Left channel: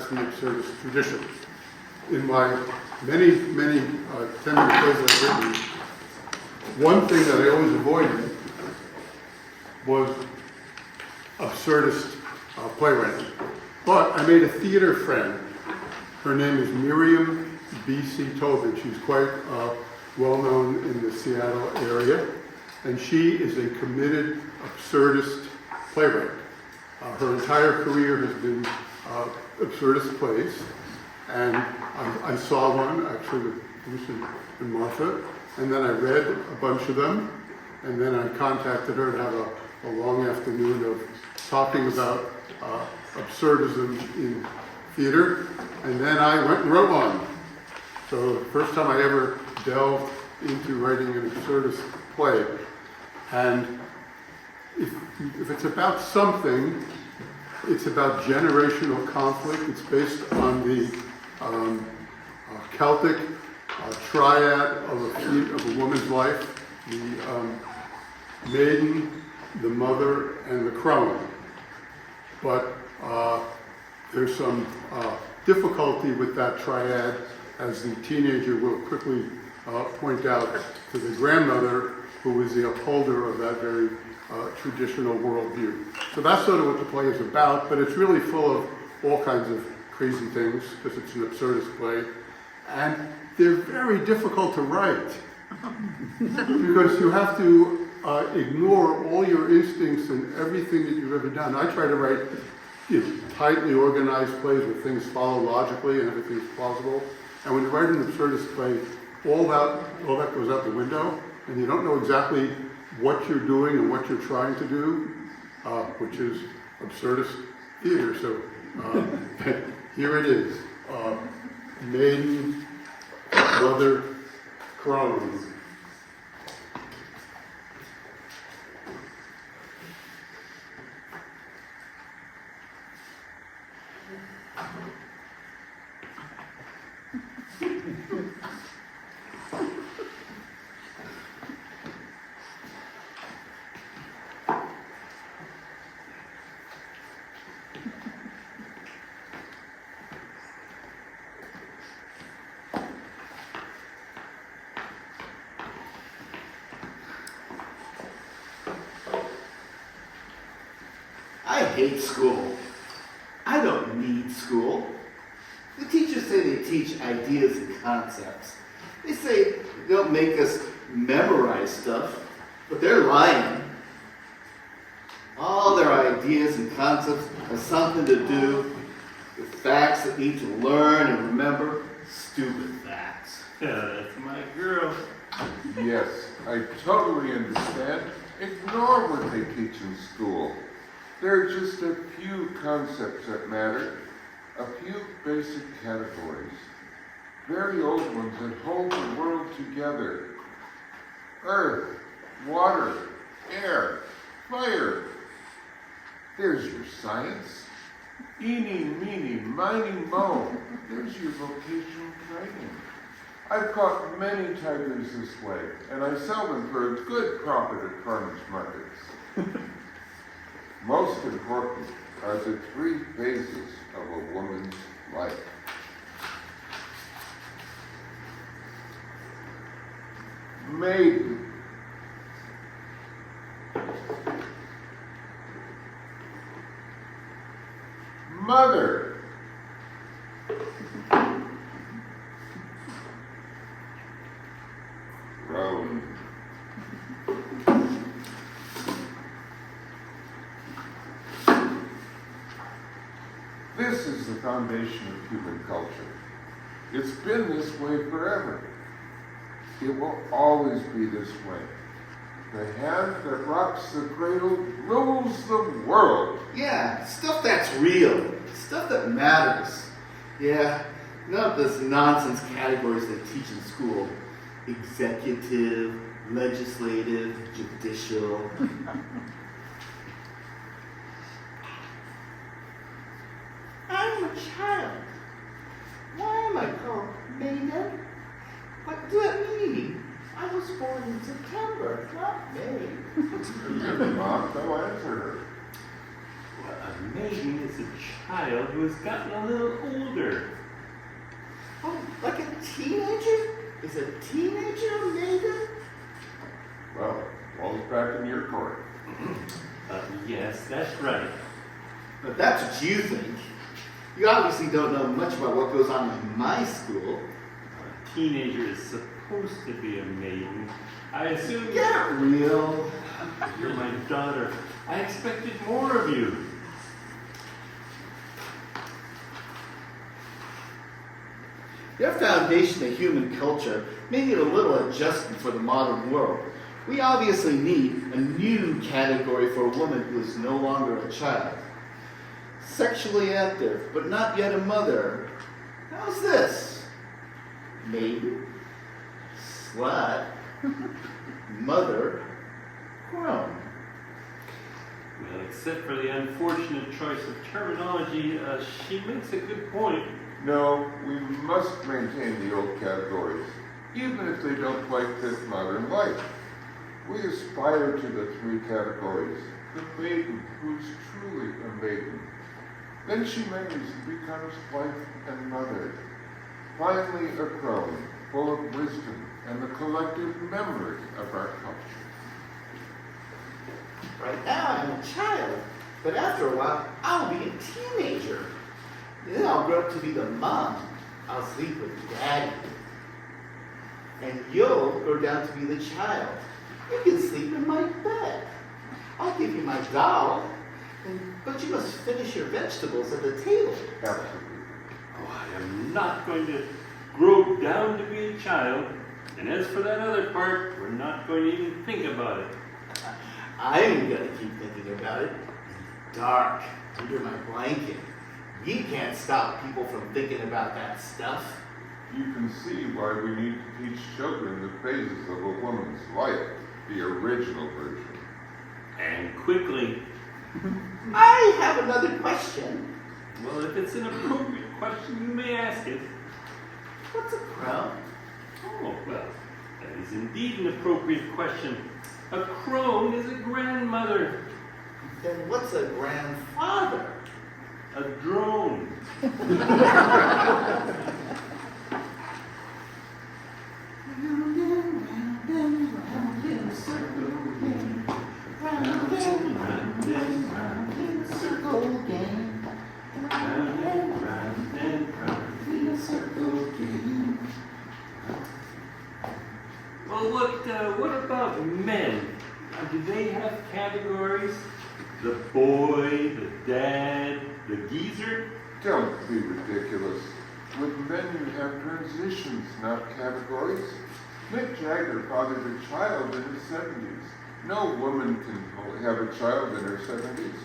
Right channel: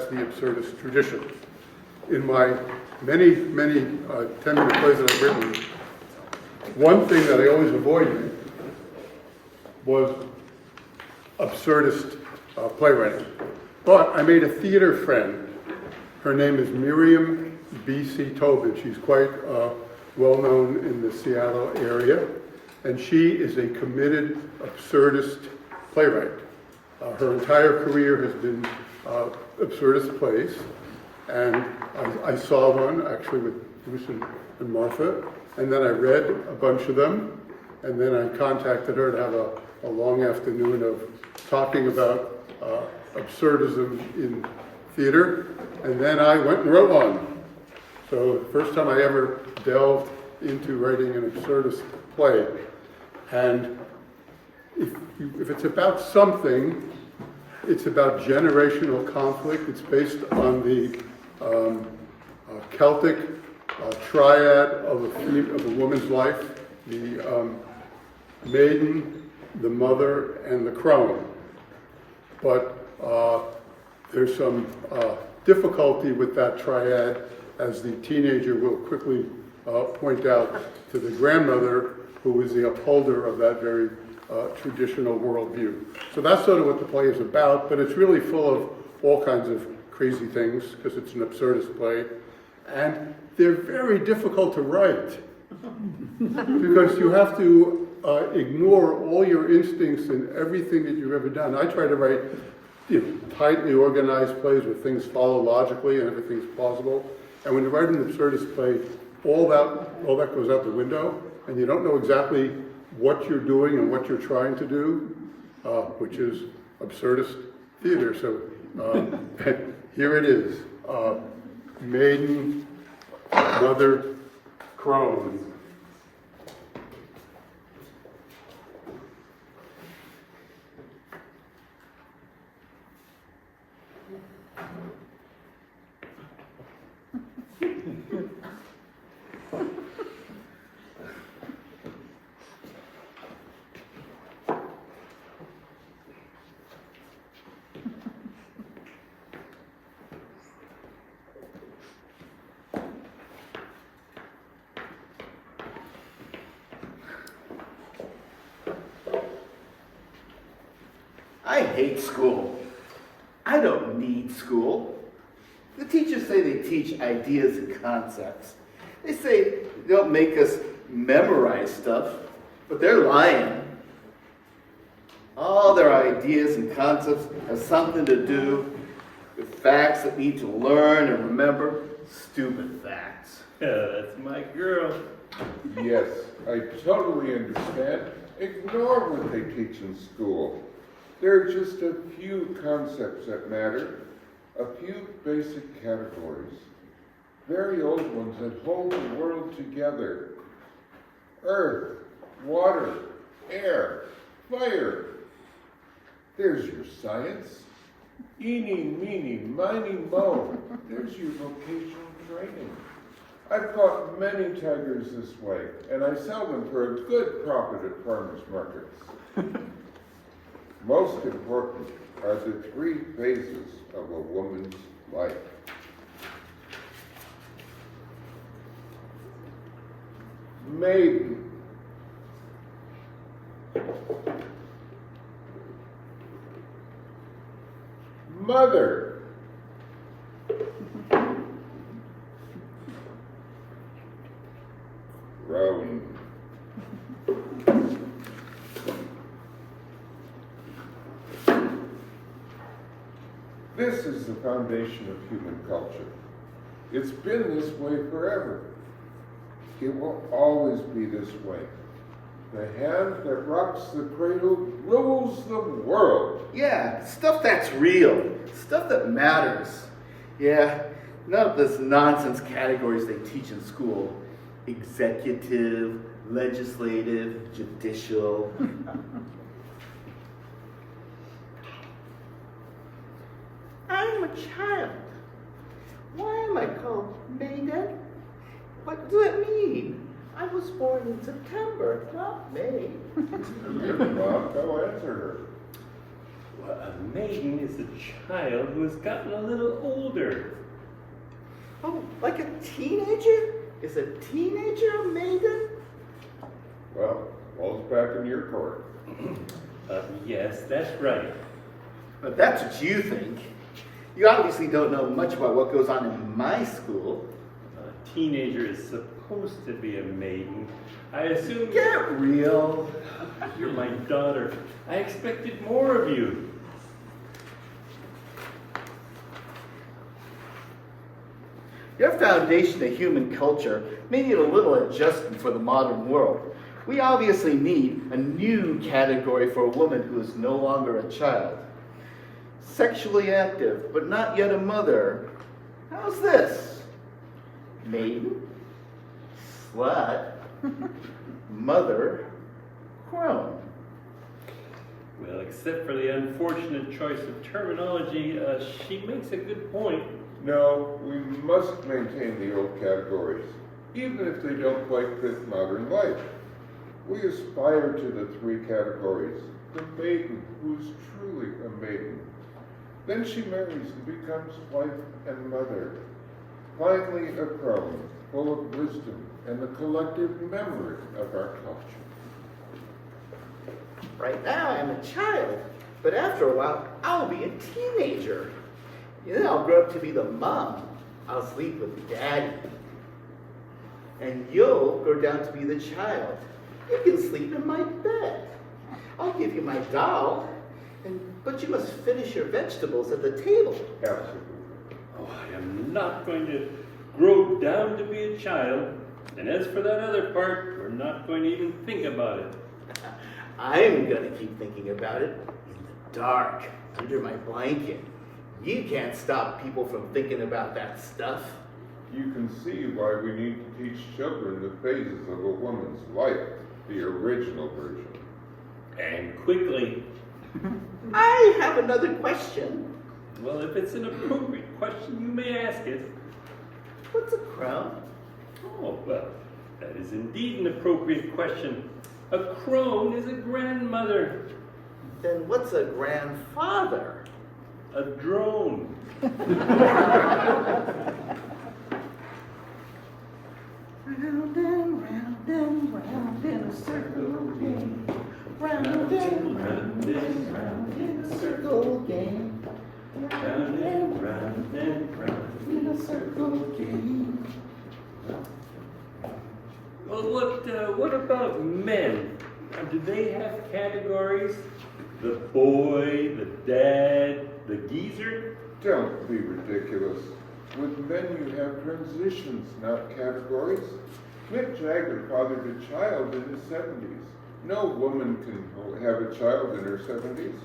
that's the absurdist tradition. In my many 10-minute plays that I've written, one thing that I always avoided was absurdist playwriting. But I made a theater friend. Her name is Miriam B.C. Tobin. She's quite well known in the Seattle area. And she is a committed absurdist playwright. Her entire career has been absurdist plays. And I saw one actually with Bruce and Martha. And then I read a bunch of them. And then I contacted her to have a long afternoon of talking about absurdism in theater. And then I went and wrote one. So the first time I ever delved into writing an absurdist play. And if it's about something, it's about generational conflict. It's based on the Celtic triad of a woman's life, the maiden, the mother, and the crone. But there's some difficulty with that triad, as the teenager will quickly point out to the grandmother, who is the upholder of that very traditional worldview. So that's sort of what the play is about, but it's really full of all kinds of crazy things, because it's an absurdist play. And they're very difficult to write, because you have to ignore all your instincts and everything that you've ever done. I try to write tightly organized plays where things follow logically and everything's plausible. And when you write an absurdist play, all that goes out the window, and you don't know exactly what you're doing and what you're trying to do, which is absurdist theater. So here it is. Maiden, mother, crone. I hate school. I don't need school. The teachers say they teach ideas and concepts. They say they don't make us memorize stuff, but they're lying. All their ideas and concepts have something to do with facts that need to learn and remember. Stupid facts. That's my girl. Yes, I totally understand. Ignore what they teach in school. There are just a few concepts that matter, a few basic categories, very old ones that hold the world together. Earth, water, air, fire. There's your science. Eeny, meeny, miny, mo. There's your vocational training. I've caught many tigers this way, and I sell them for a good profit at farmers markets. Most important are the three phases of a woman's life. Maiden. Mother. Crone. This is the foundation of human culture. It's been this way forever. It will always be this way. The hand that rocks the cradle rules the world. Yeah, stuff that's real. Stuff that matters. Yeah, none of this nonsense categories they teach in school. Executive, legislative, judicial. I'm a child. Why am I called Maiden? What does it mean? I was born in September, not May. Mom, go answer her. Well, a maiden is a child who has gotten a little older. Oh, like a teenager? Is a teenager a maiden? Well, all's back in your court. Yes, that's right. But that's what you think. You obviously don't know much about what goes on in my school. A teenager is supposed to be a maiden. I assume Get real. you're my daughter. I expected more of you. Your foundation of human culture may need a little adjustment for the modern world. We obviously need a new category for a woman who is no longer a child. Sexually active, but not yet a mother. How's this? Maiden, slut, mother, crone. Well, except for the unfortunate choice of terminology, she makes a good point. No, we must maintain the old categories, even if they don't quite fit modern life. We aspire to the three categories. The maiden, who is truly a maiden. Then she marries and becomes wife and mother. Finally, a crone, full of wisdom and the collective memory of our culture. Right now I'm a child, but after a while I'll be a teenager. Then I'll grow up to be the mom. I'll sleep with daddy. And you'll grow down to be the child. You can sleep in my bed. I'll give you my doll, but you must finish your vegetables at the table. Absolutely. Oh, I am not going to grow down to be a child. And as for that other part, we're not going to even think about it. I'm going to keep thinking about it in the dark, under my blanket. You can't stop people from thinking about that stuff. You can see why we need to teach children the phases of a woman's life, the original version. And quickly. I have another question. Well, if it's an appropriate question, you may ask it. What's a crone? Oh, well, that is indeed an appropriate question. A crone is a grandmother. Then what's a grandfather? A drone. Round and round in a circle game. Round and round in a circle game. Round and round and round. In a circle game. Well, what about men? Do they have categories? The boy, the dad, the geezer? Don't be ridiculous. With men you have transitions, not categories. Mick Jagger fathered a child in his 70s. No woman can have a child in her 70s.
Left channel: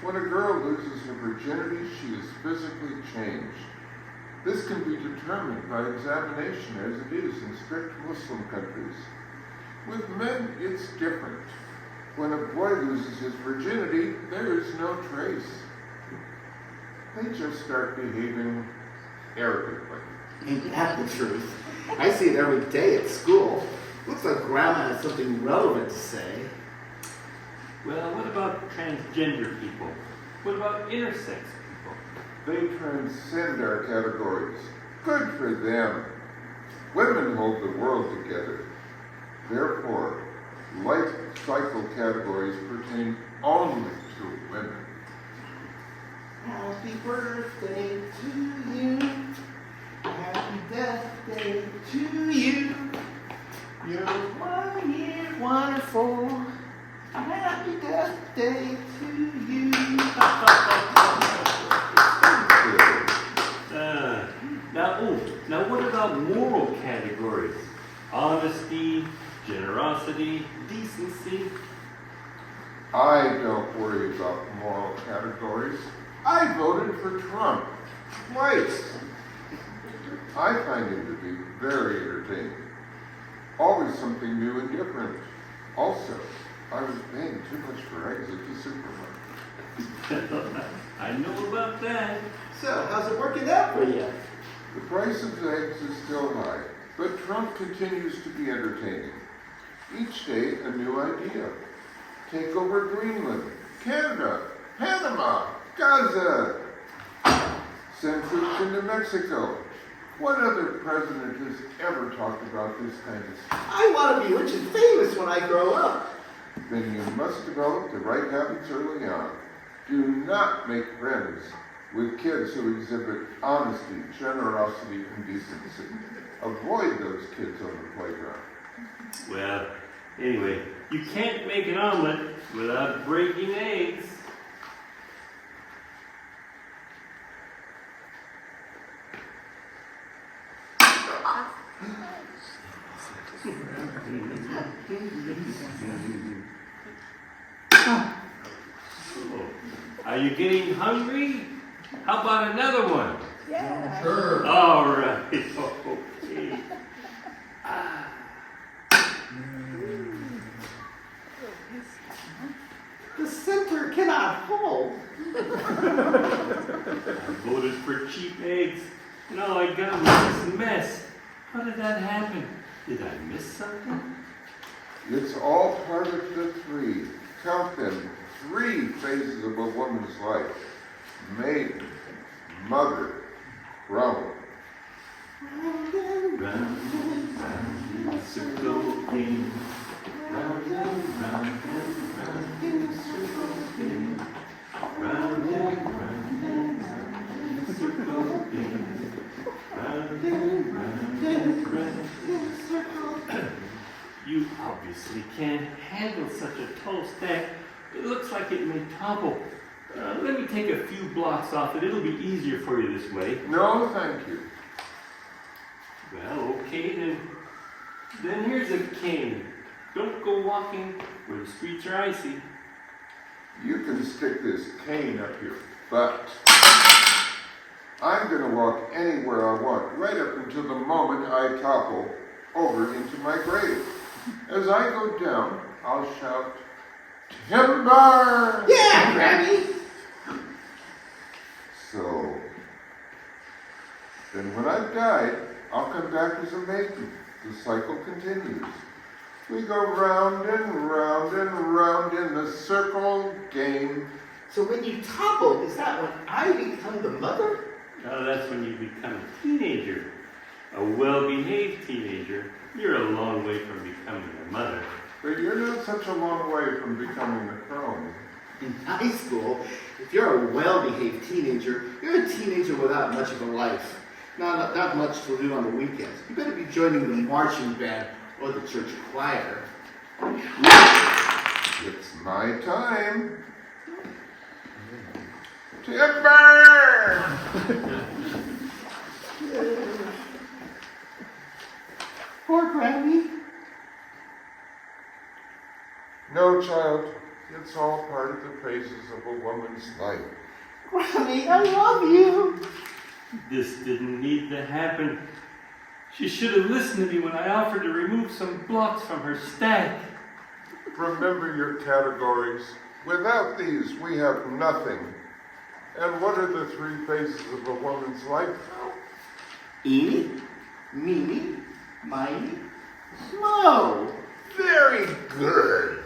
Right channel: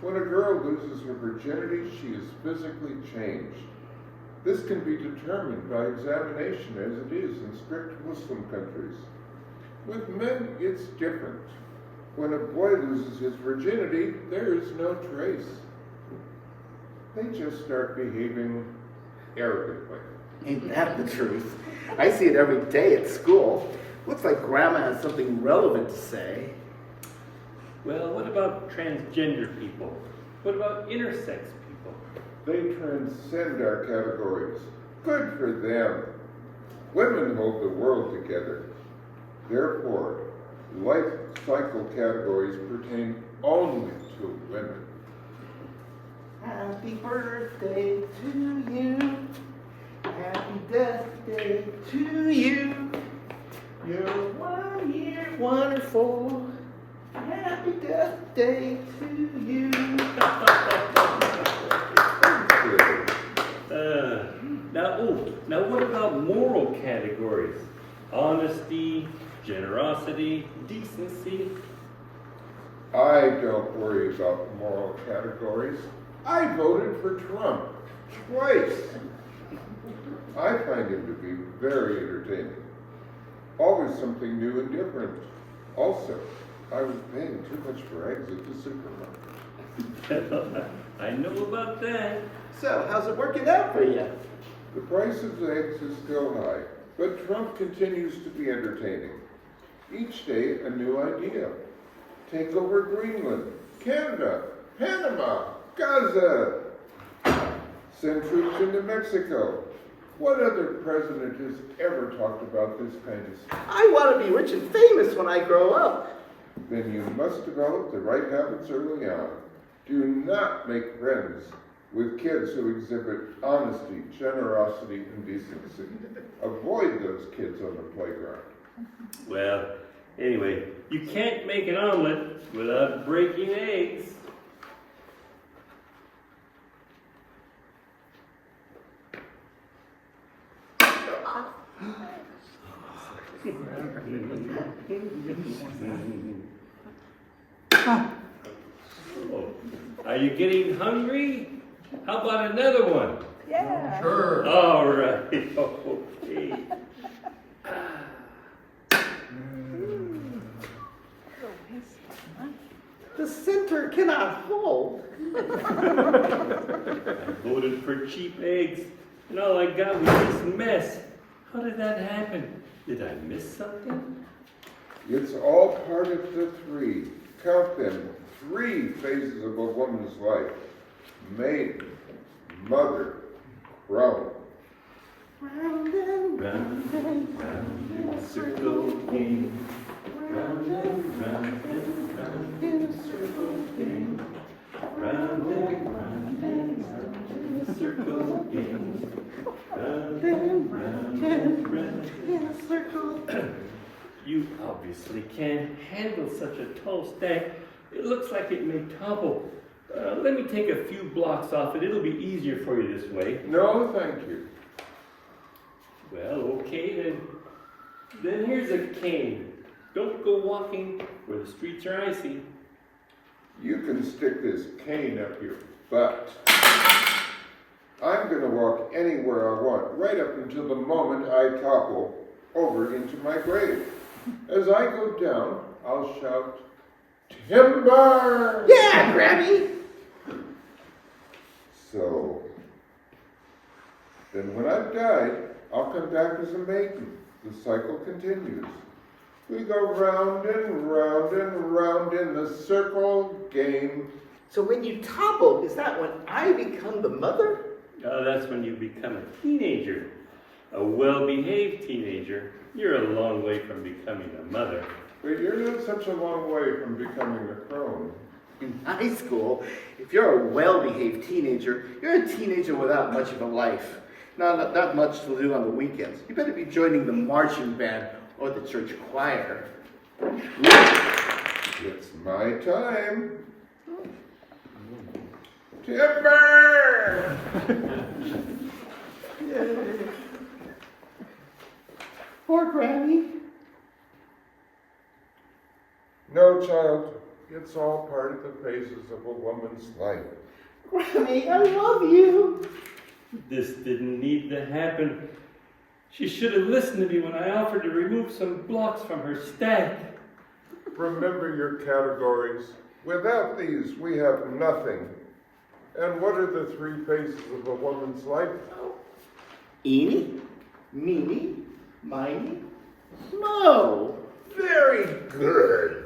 When a girl loses her virginity, she is physically changed. This can be determined by examination as it is in strict Muslim countries. With men, it's different. When a boy loses his virginity, there is no trace. They just start behaving arrogantly. Ain't that the truth? I see it every day at school. Looks like Grandma has something relevant to say. Well, what about transgender people? What about intersex people? They transcend our categories. Good for them. Women hold the world together. Therefore, life cycle categories pertain only to women. Happy birthday to you. Happy death day to you. You're 1 year wonderful. Happy death day to you. Now what about moral categories? Honesty, generosity, decency. I don't worry about moral categories. I voted for Trump twice. I find him to be very entertaining. Always something new and different. Also, I was paying too much for eggs at the supermarket. I know about that. So, how's it working out for you? The price of eggs is still high, but Trump continues to be entertaining. Each day, a new idea. Take over Greenland, Canada, Panama, Gaza, send troops into Mexico. What other president has ever talked about this kind of stuff? I want to be rich and famous when I grow up. Then you must develop the right habits early on. Do not make friends with kids who exhibit honesty, generosity, and decency. Avoid those kids on the playground. Well, anyway, you can't make an omelet without breaking eggs. Oh, are you getting hungry? How about another one? Yeah. Sure. All right. Okay. The center cannot hold. I voted for cheap eggs, and all I got was this mess. How did that happen? Did I miss something? It's all part of the three. Count them. 3 phases of a woman's life. Maiden, mother, crone. Round and round, in a circle game. Round and round and round in a circle game. Round and round and round in a circle game. Round and round and round in a circle. You obviously can't handle such a tall stack. It looks like it may topple. Let me take a few blocks off it. It'll be easier for you this way. No, thank you. Well, okay then. Then here's a cane. Don't go walking where the streets are icy. You can stick this cane up your butt. I'm going to walk anywhere I want, right up until the moment I topple over into my grave. As I go down, I'll shout, "Timber!" Yeah, Granny! So, then when I've died, I'll come back as a maiden. The cycle continues. We go round and round and round in the circle game. So when you topple, is that when I become the mother? Oh, that's when you become a teenager. A well-behaved teenager. You're a long way from becoming a mother. But you're not such a long way from becoming the crone. In high school, if you're a well-behaved teenager, you're a teenager without much of a life. Not much to do on the weekends. You better be joining the marching band or the church choir. It's my time. Timber! Poor Granny. No, child. It's all part of the phases of a woman's life. Granny, I love you. This didn't need to happen. She should have listened to me when I offered to remove some blocks from her stack. Remember your categories. Without these, we have nothing. And what are the 3 phases of a woman's life? Eeny, meeny, miny, mo. Very good.